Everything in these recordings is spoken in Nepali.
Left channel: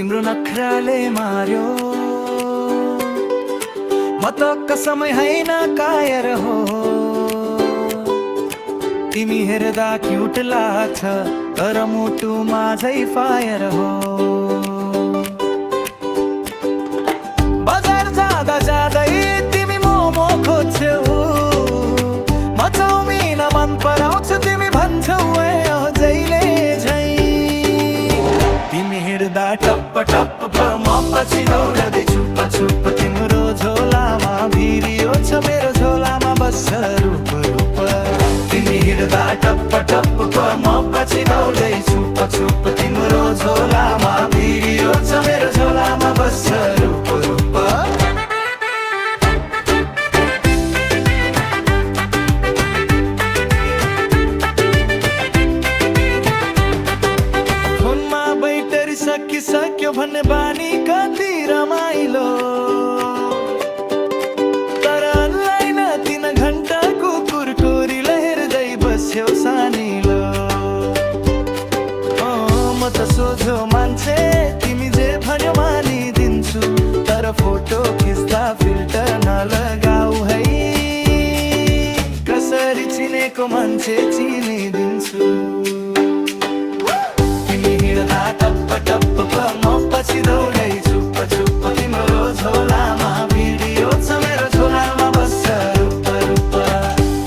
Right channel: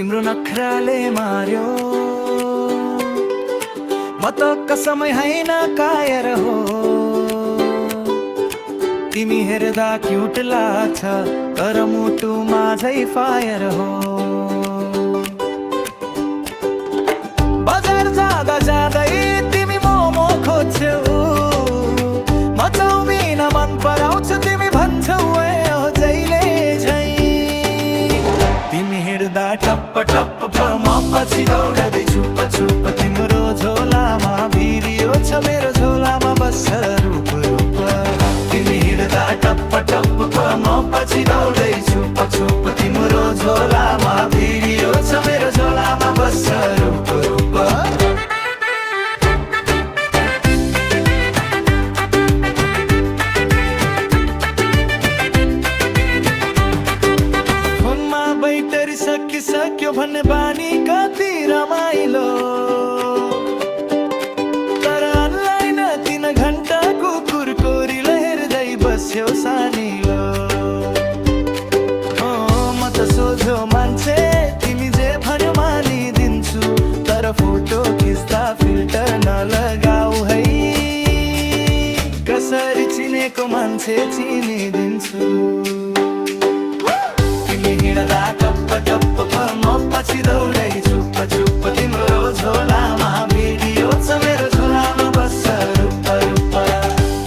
तिम्रो नखराले मार्यो म त कसमै हैन कायर हो तिमी हेर्दा क्युट लाग्छ तर मुटुमा झै फायर हो बजार जाँदा जाँदै तिमी मोमो खोज्छौ म चाउमिन मन पराउँछु तिमी भन्छौ ए जहिले झै तिमी हिँड्दा टप्प टप्प म पछि दौडदै छुप छुप तिम्रो झोलामा भिरियो छ मेरो झोलामा बस्छ रूप रूप तिमी हिँड्दा टप्प टप्प म पछि दौडदै छुप छुप तिम्रो झोलामा भिरियो छ मेरो झोलामा बस्छ रूप रूप बैटरी सकिसक्यो भन्ने बानी कति रमाइलो तर अनलाइन 3 घण्टा कुकुर कोरीले हेर्दै बस्यो सानिलो म त सोझो मान्छे तिमी जे भन्यो मानिदिन्छु तर फोटो खिच्दा फिल्टर नलगाऊ है कसरी चिनेको मान्छे चिनिदिन्छु हिँड्दा टप्प टप्प म पछि दौडै छुप छुप तिम्रो झोलामा भिडियो छ मेरो झोलामा बस्छ रूप रूप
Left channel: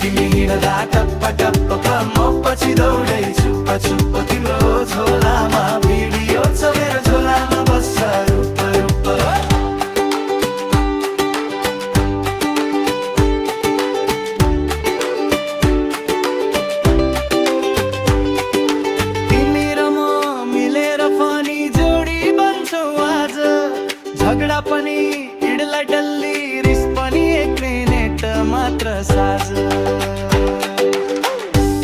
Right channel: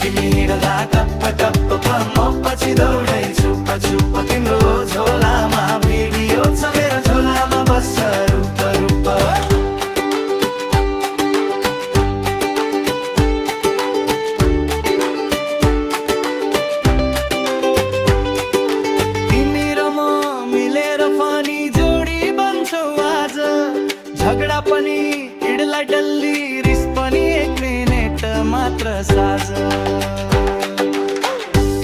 तिमी हिँड्दा टप्प टप्प म पछि दौडै छुप छुप तिम्रो झोलामा भिडियो छ मेरो झोलामा बस्छ रूप रूप फनी जोडी बन्छौ आज झगडा पनि इडला डल्ली रिस पनि 1 मिनेट मात्र साझ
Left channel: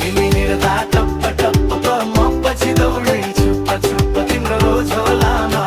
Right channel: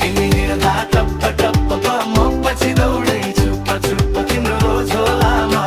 तिमी हिँड्दा टप्प टप्प म पछि दौडै छुप छुप तिम्रो झोलामा